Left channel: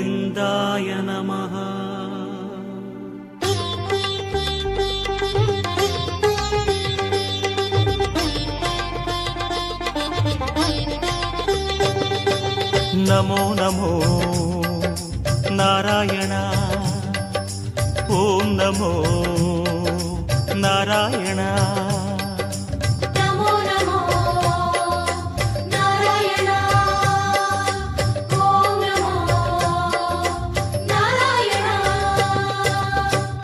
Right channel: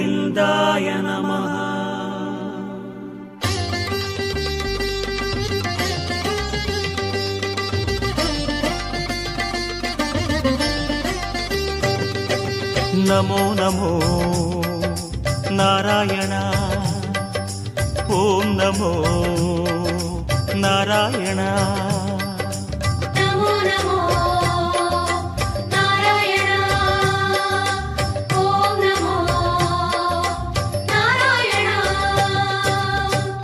கோவிந்தாய நமः. நமோ நமோ நாராயண. ஓம் நமோ நாராயண.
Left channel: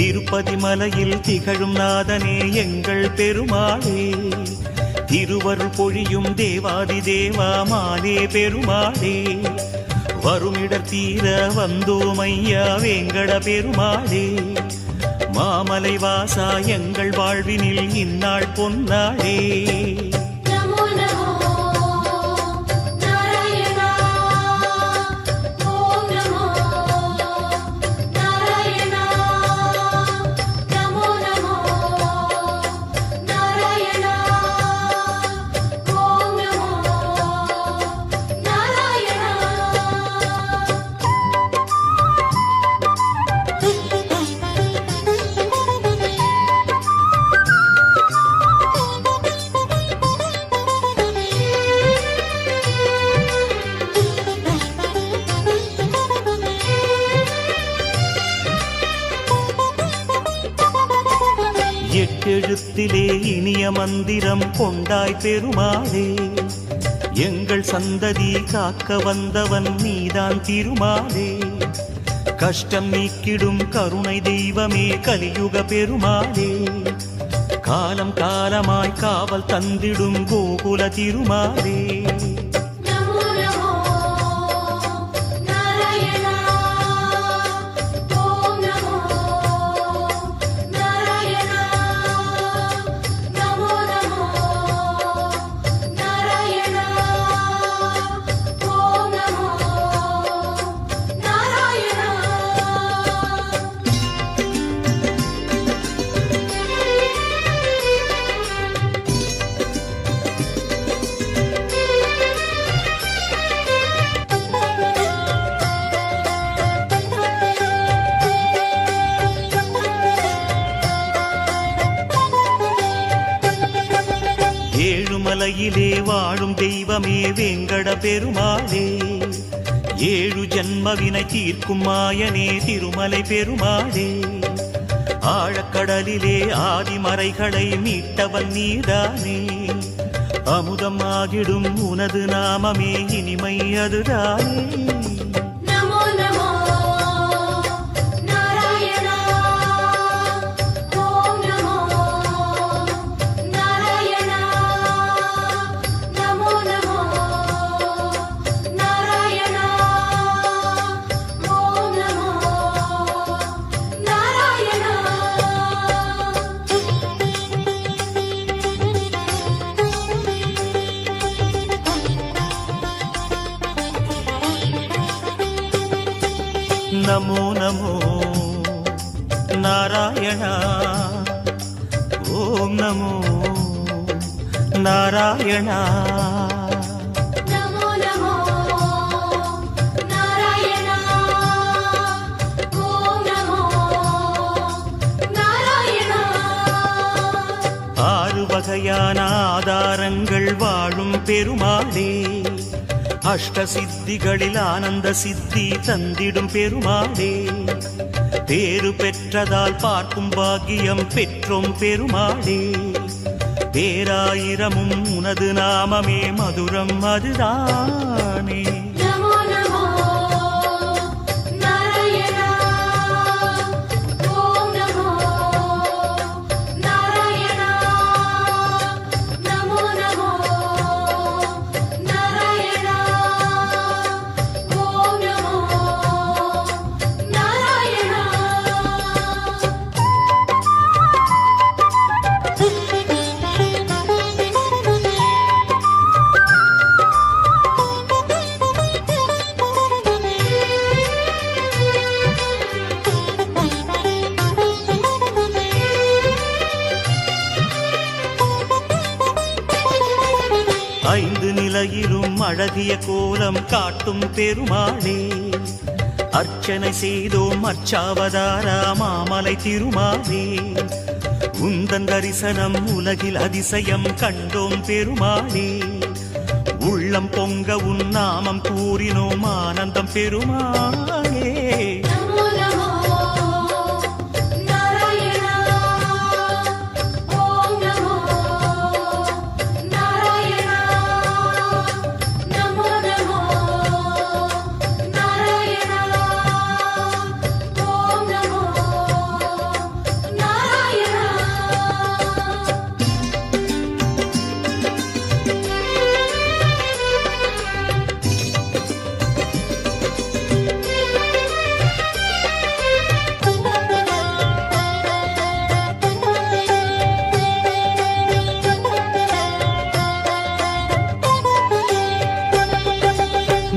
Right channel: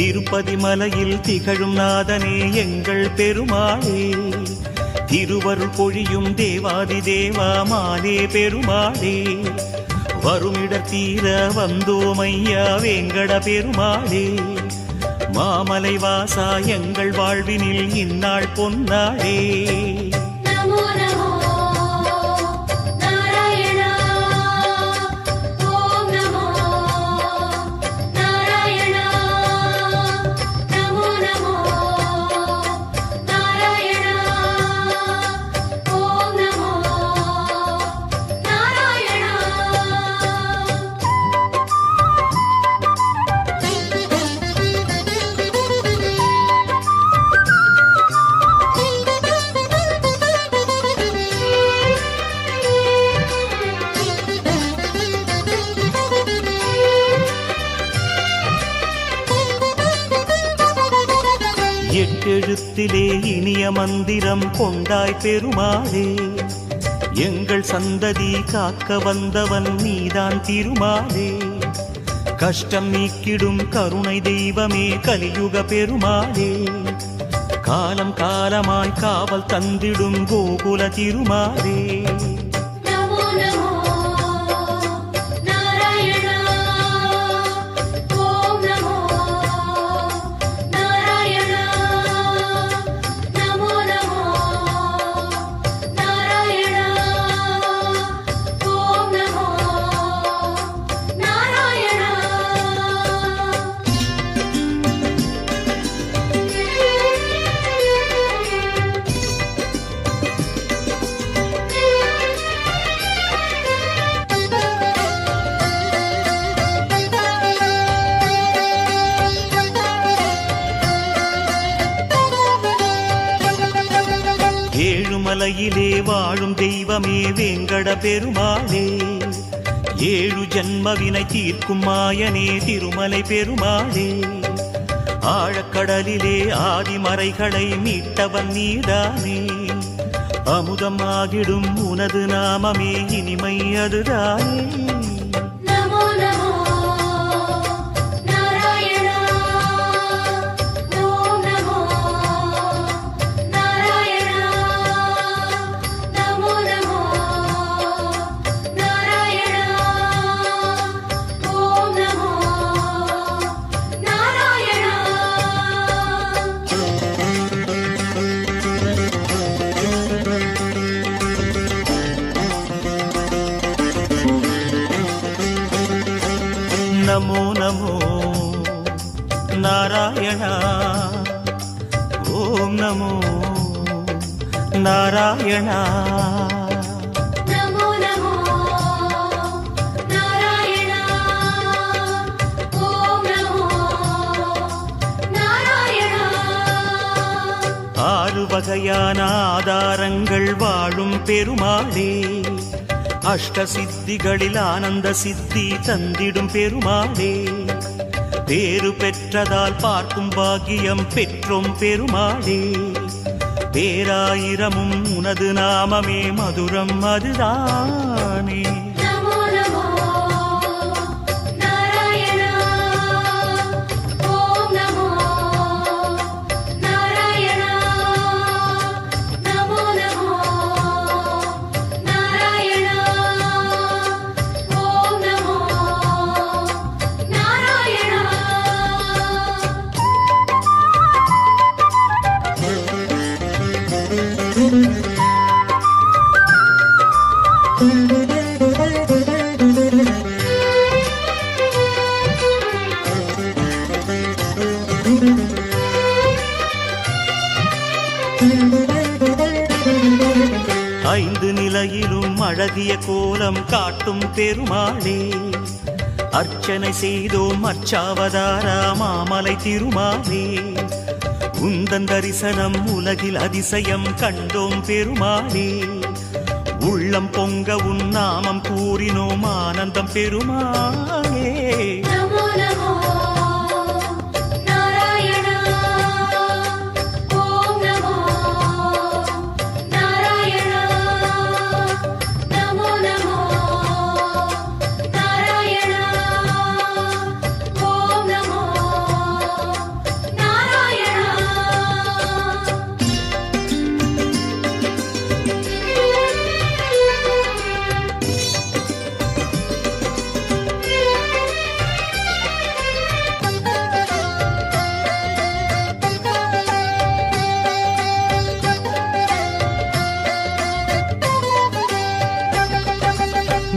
திருப்பதி மலையில் திகழும் நாதனே எங்கள் பெருமாளே, திருவருள் பொழியும் தேவாதி தேவா மாலே பெருமாளே, வருமிடர் தீர வந்தோமையா வேங்கட பெருமாளே, மாமலை வாசா எங்கள் வாழ்வினில் இந்நாள் பொன்னாளே. எட்டெழுத்திலே இனிய மந்திரம் கொண்டாய் பெருமாளே, எங்கள் சந்ததி காக்க வந்தவன் நீதான் திருமாலே, கஷ்டம் நீக்கிடும் கருணை தெய்வமே கலியுக பெருமாளே, காலம் காலமாய் காவல் தந்திடும் கோகுல திருமாலே. ஏழுமலையிலே வாழும் தெய்வமே வேங்கட பெருமாளே, ஏழு ஜன்மவினை தீர்க்கும் மாயனே திருமலை பெருமாளே, ஆழக்கடலிலே ஆதிமறைகளை மீட்டவன் நீதானே, அமுதம் ஆகிடும் உனது நாமமே இனிமை அதுதானே. நமோ நமோ நாராயண. ஓம் நமோ நாராயண. ஆறு வகையான ஆதாரங்கள் வாழும் பெருமாளே, அஷ்ட சித்திகளில் ஆனந்த சித்தி தந்திடும் பெருமாளே, பேரு பெற்றதால் பார்க்கும் பாக்கியம் பெற்றோம் பெருமாளே, பேராயிரமும் உனது நாமமே மதுரம் அதுதானே. ஐந்து நிலையிலும் அழகிய கோலம் காட்டும் பெருமாளே, அர்ச்சனை செய்தோம் அர்ச்சாவதாரா மாமலை திருமாலே உந்தன் தரிசனம் உலகில் அதிசயம் கண்டோம் பெருமாளே உள்ளம் பொங்க உன் நாமம் கூறினோம் ஆனந்தம் பெருமாளே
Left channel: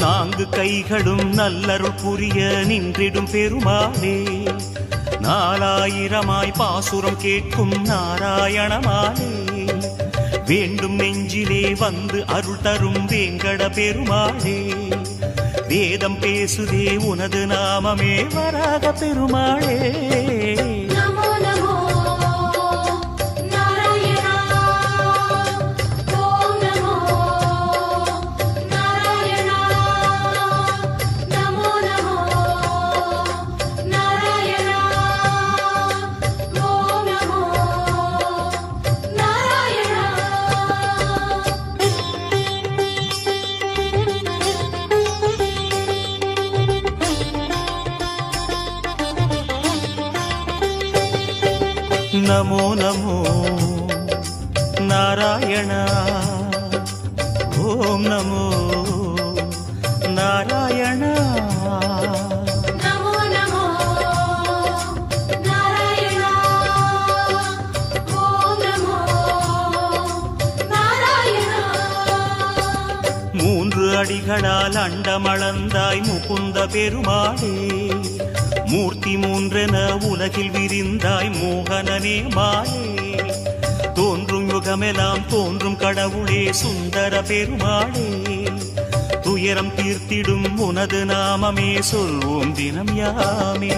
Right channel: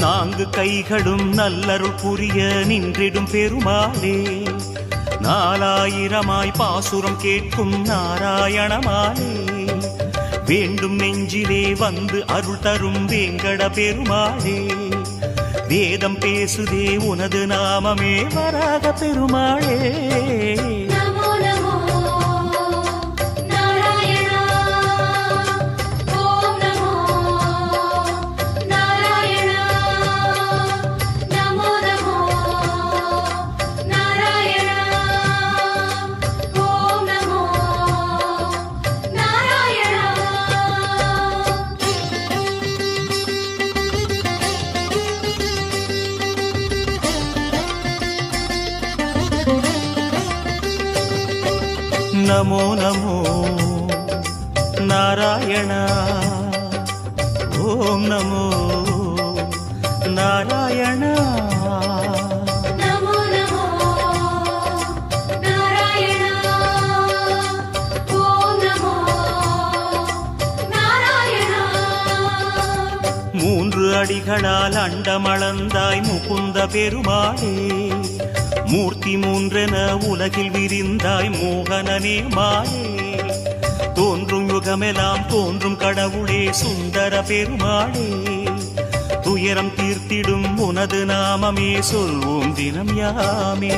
நான்கு கைகளும் நல்லருள் புரிய நின்றிடும் பெருமாளே நாலாயிரமாய் பாசுரம் கேட்கும் நாராயணமாலே வேண்டும் நெஞ்சிலே வந்து அருள் தரும் வேங்கட பெருமாளே வேதம் பேசுதே உனது நாமமே வராக பெருமாளே நமோ நமோ நாராயண ஓம் நமோ நாராயண மூன்று அடிகளால் அண்டமளந்தாய் முகுந்த பெருமாளே மூர்த்தி மூன்றென உலகில் விரிந்தாய் மோகனனே மாலே தோன்றும் யுகமெல்லாம் தோன்றும் கடவுளே சுந்தர பெருமாளே துயரம் தீர்த்திடும் உனது நாமமே சொல்வோம் தினம் யாமே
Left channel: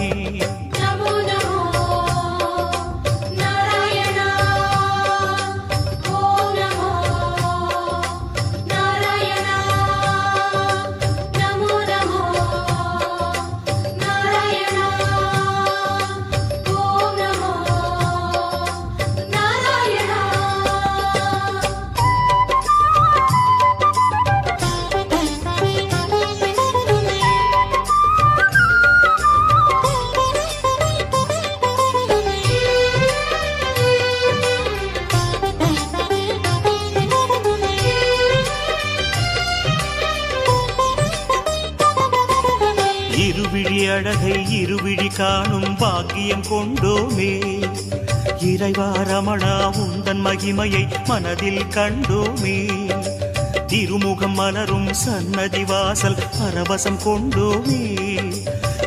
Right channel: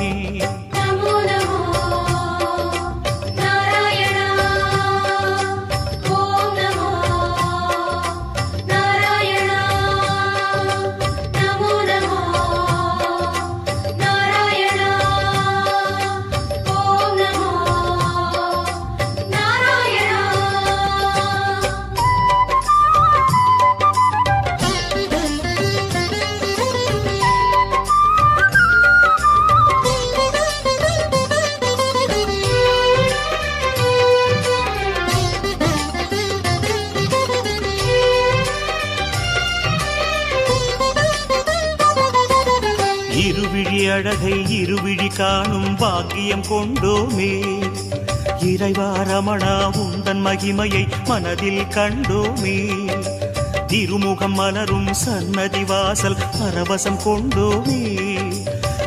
இருவிழி அழகை இருவிழி காணும் பாக்கியம் கொண்டோமே இறைவா ரமணா உந்தன் மகிமையை மனதில் கண்டோமே திருமுகம் மலரும் சன்னதி வாசல் பரவசம் கொண்டோமே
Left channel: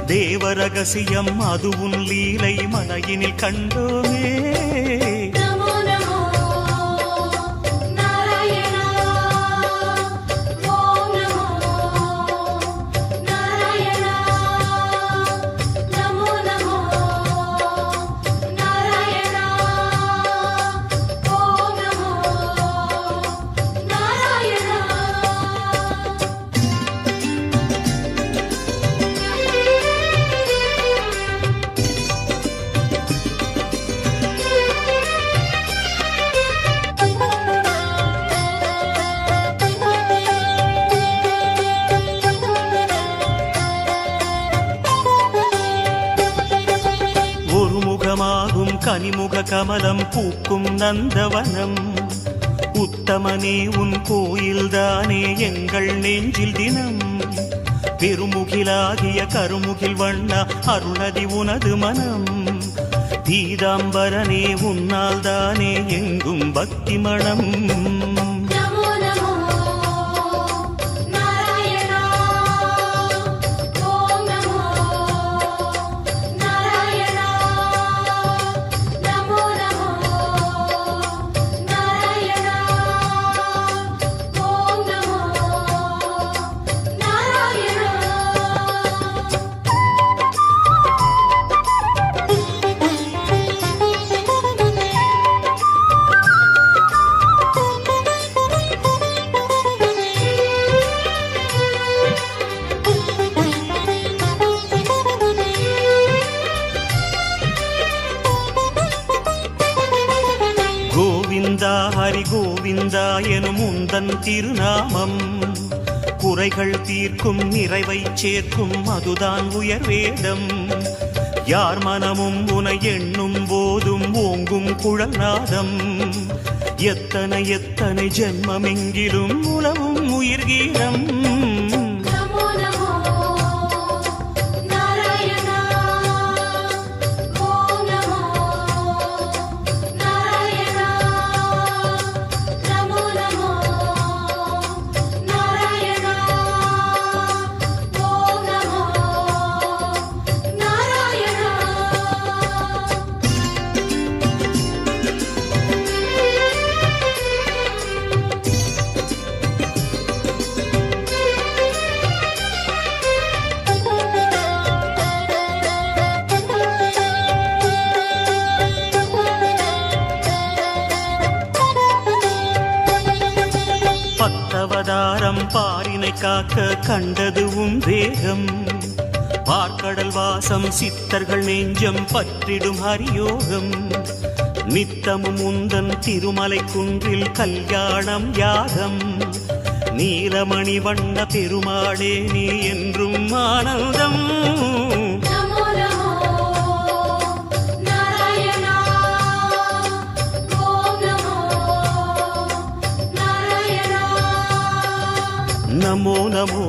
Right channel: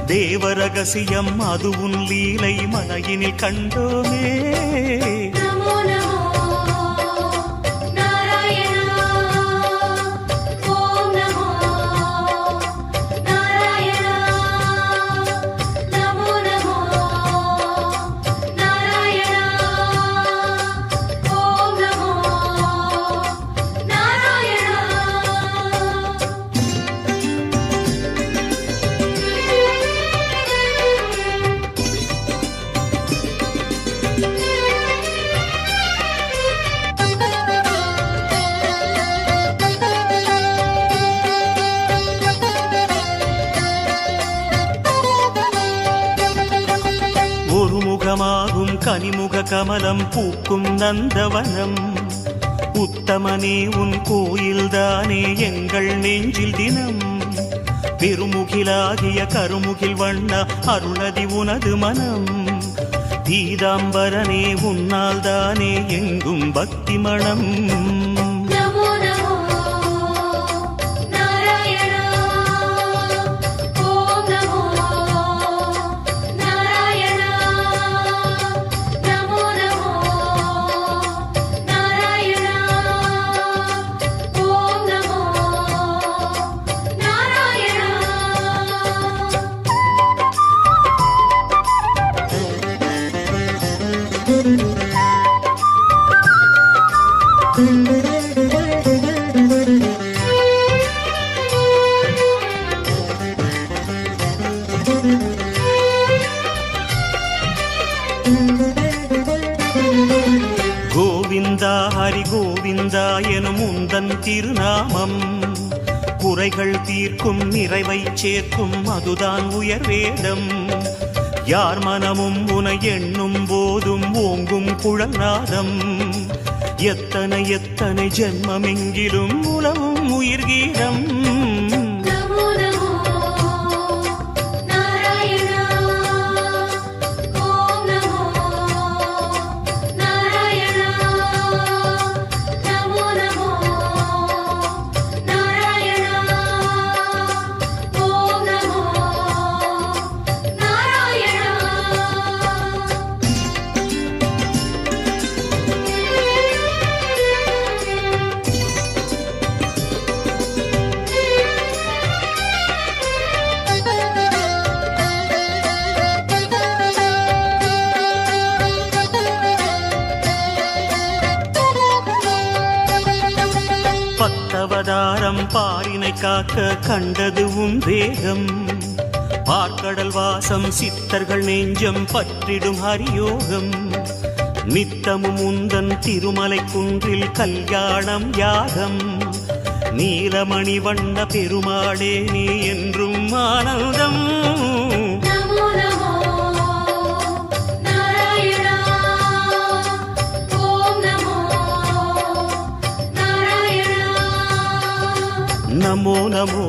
தேவ ரகசியம் அது உன் லீலை மலையினில் கண்டோமே ஒரு முகமாகும் கனிமுக கமலம் பூக்கும் நந்தவனம் உத்தமனே உன் கோயில்தானே எங்கள் நெஞ்சில் தினம் பெருமுகிலாகிய கருமுகில் வண்ணா அருணதி உனது மனம் பீதாம்பரனே உன்னால் தானே எங்கும் பக்தி மணம் கோவிந்தா ஹரி கோவிந்தா எனும் உந்தன் திருநாமம் குறைகள் தீர்க்கும் நிறைவை சேர்க்கும் அதுதான் உயர் வேதம் யார் மனமும் உனை எண்ணும் போதும் ஓங்கும் குழல் நாதம் எத்தனை எத்தனை ஜென்மமெங்கிலும் உலவும் உயிர் கீதம் பத்தவதாரம் பாரினை காக்க கண்டதுவும் வேகம் பார்க்கடல் வாசம் சித்தர்கள் நெஞ்சம் பற்றிடும் ஹரியோகம் நித்தமும் உந்தன் திருமலை குன்றில் கல்யாணம் யாகம் நீலமணி வண்ண பெருமாளே நீ என்றும் ஆனந்தம் நமோ நமோ